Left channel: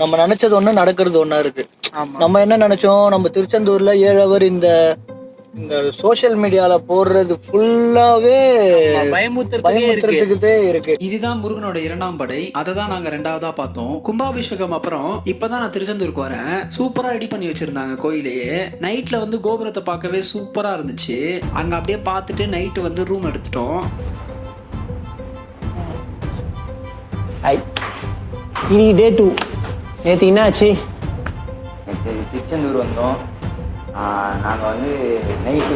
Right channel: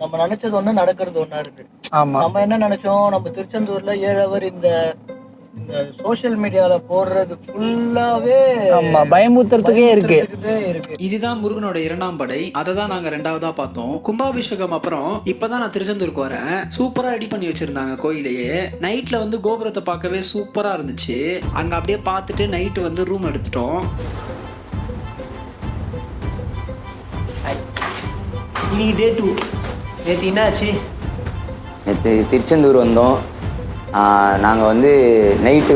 நம்ம நினைச்சது ஒண்ணு நடக்கிறது ஒண்ணா இருக்கு. ஆமா. நம்ம என்ன நினைச்சோம், நம்ம திருச்செந்தூர்ல 7 ஹவர் இந்த சோஷியல் மீடியால போடுறது ஃபுல்லாவே பயமுறுத்துறதுக்கே இருக்கு. இதுதான் முருகனோட 2ஆம் படை. அதை தான் நாங்க 2வதா பார்த்தோம். கும்பாபிஷேகம் அப்புறம் இப்பதான் நான் திருச்செந்தூருக்கு வரேன். சூப்பரா ரெடி பண்ணி வச்சிருந்தாங்க கோயிலையே. நைட்ல வந்து கோபுரத்தை பார்க்கவே சூப்பரா இருந்துச்சு. அங்க அப்படியே பார்த்துட்டு நைட்டு வந்து ரூம் எடுத்துட்டோம். இன்னைக்கு டே 2. நேற்று என்னாச்சு? நேற்று திருச்செந்தூர் வந்தோம். நாங்கள் வந்து நைட்டு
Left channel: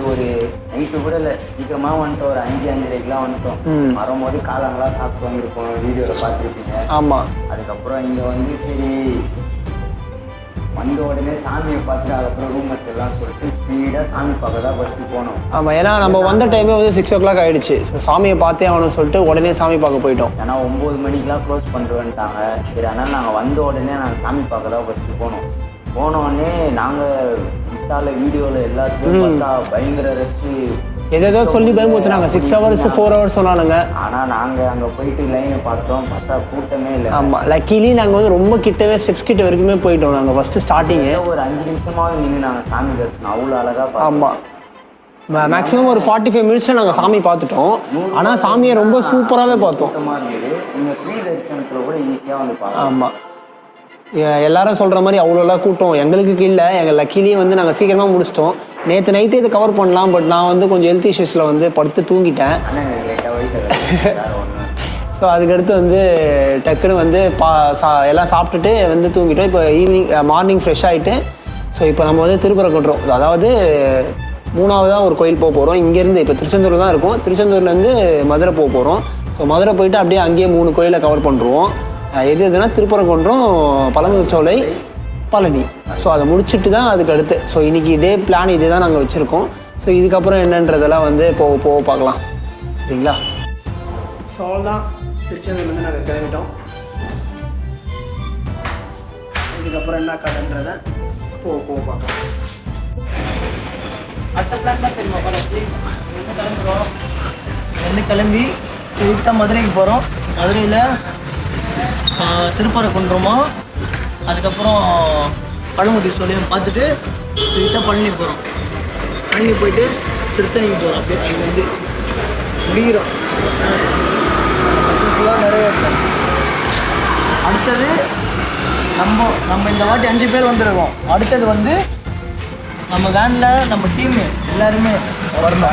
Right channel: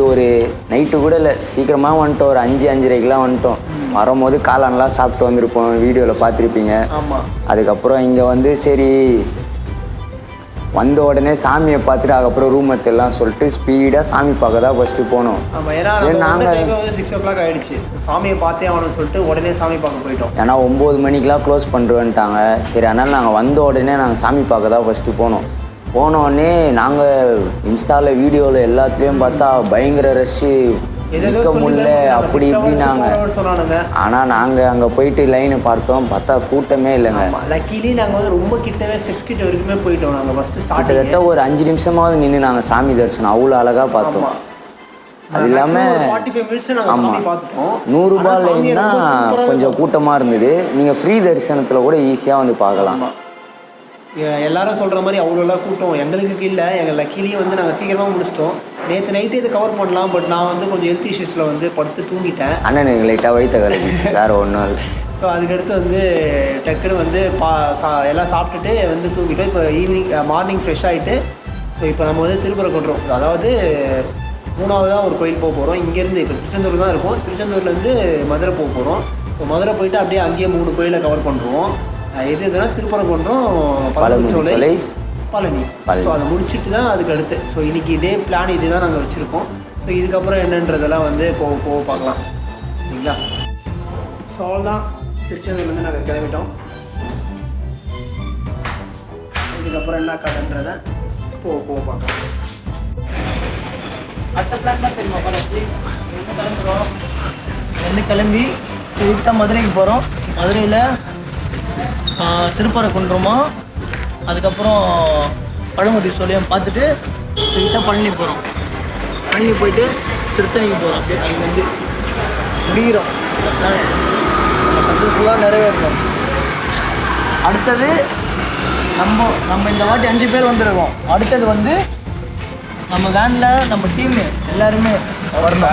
கூட இல்லை, சீக்கிரமாக வந்துட்டோம். ஒரு 5-5:30க்கெலாம் வந்துட்டோம். வரும்போது காளான்லாம் சாப்பிட்டு வந்திருப்போம், வீடியோவில் பார்த்துருப்பீங்க. ஆமாம். அதுக்கப்புறம் இங்கே வந்து சரி வந்த உடனே சாமியை பார்த்துட்டு அதுக்கப்புறம் ரூம் எல்லாம் சொல்லிட்டு ஸ்பீடாக சாமி பார்க்க தான் ஃபஸ்ட்டு போனோம். ஆமாம், ஏன்னா நம்ம வந்த டைமே வந்து 6 o'clock ஆகிடுச்சு. ஸோ சாமியை பார்த்தே ஆகணும்னு சொல்லிட்டு உடனே சாமி பார்க்க போயிட்டோம். ஏன்னா 9 மணிக்கெலாம் க்ளோஸ் பண்ணுறேன்ட்டாங்க. சரி, அதனால் நாங்கள் வந்த உடனே நாங்கள் சாமி பார்க்க தான் ஃபஸ்ட்டு போனோடனே நாங்கள் இன்ஸ்டாவில் வீடியோவில் எல்லாத்துலேயும் பார்த்தா பயங்கர ரஷ்ஷு. ஏதோ சொல்லி பயமுறுத்துறாங்க. 6 hours 4 hours சொன்னாலுங்க. ஆனால் நாங்கள் அங்கே போயிட்டு லைனை பார்த்தா கூட்டமே இல்லை. ஆமாம், லக்கிலி நாங்கள் வந்து ரொம்ப கிட்டவே ஸ்டெப்ஸ் கிட்ட வரைக்குமே போயிட்டோம். நாங்கள் ஃபஸ்ட்டு ஸ்டார்டிங்கில் ஒரு 5 நிமிஷமாவது நின்று நாங்கள் சாமி தரிசனம் அவ்வளோ அழகாக பார்த்தோம். மேக்ஸிமம் ஒரு 45 மினிட்ஸில் நாங்கள் சாமி பார்த்துட்டோம். ஆனால் சாமியை ரொம்ப சூப்பராகவே பார்த்தோம். கூட்டமாக இருந்தது. நீங்கள் ஃப்ரீ தரிசனத்தில் கூட ஈஸியாக வந்து பார்க்கலாம். ஆமாம், எல்லாரும் சொல்கிற மாதிரி அவ்வளோலாம் கூட்டம் எங்களுக்கு இல்லை. எங்கள் லக்கிலேயே வந்து நாங்கள் சீக்கிரமாக முடிச்சிட்டோம். நேற்று நைட்டு இது கவர் பண்ணலாம், பட் நான் வந்து கொஞ்சம் ஹெல்த் இஷ்யூஸில் வந்து படுத்து தூங்கிட்டேன். ஆனால் எனக்கு லைட்டாக வயிற்று வேறு ஒன்றும் இல்லை. ஸோ அதுக்கடுத்து வந்து டக்குன்னு வந்து எல்லாம் சாப்பிட்டுட்டு வந்து தூங்கிட்டோம். இப்போ மார்னிங் ஃப்ரெஷ் ஆகிட்டு ஸோ இப்போ நம்ம வந்து திருப்பரங்குன்றம், அதாவது 3ஆவதாக ஒரு கோயில் போக போகிறோம். இங்கேருந்து இப்போ திருச்செந்தூர் தான் இருக்கும். திருச்செந்தூர்லேருந்து மதுரை போக போகிறோம். ஸோ மதுரை போயிட்டு அப்படியே அங்கேயே 3 கோயிலை கவர் பண்ணுறோம். எதுனா திருப்பரங்குன்றம், பழமுதிர்ச்சோலை, பழனி. ஸோ அதை முடிச்சுட்டு தான் அதுக்கு அடுத்து. ஸோ இன்றைக்கி டே பிளான் இதே தான் நாங்கள் வச்சுருக்கோம். ஸோ இதுக்கப்புறம் என்னன்றதெல்லாம் வந்து போக பார்க்கலாம். சரிங்களா? ஸோ அவ்வளோதான், திருச்செந்தூர்லேருந்து நாங்கள் கிளம்பிட்டோம். இதுக்கப்புறம் என்ன கதைன்றதை போக பார்க்கலாம். அடுத்த பிளான் தான் தெரியுமா பாலாஜி? கிளம்பி ஸ்ட்ரெயிட்டாக மதுரைக்கு போகிறோம். மதுரையில் திருப்பரங்குன்றமா, அதுக்கப்புறம் பழமுதிர்ச்சோலையும் பார்த்துட்டு ஸ்ட்ரெயிட்டாக பழனி போகிறோம். பழனி போயிட்டு திருத்தணிக்கு போகிறோம். அப்படியே அங்கேருந்து முடிகிறோம். சக்ஸஸ்ஃபுல்லாக நிறைவேற்றோம். அடுத்தது நம்ம இந்த வாட்டி 5 பேர் வந்துருக்கோம். அடுத்தது வந்து நம்ம வேனில் நம்ம டீம் எல்லாருமே வரணும்.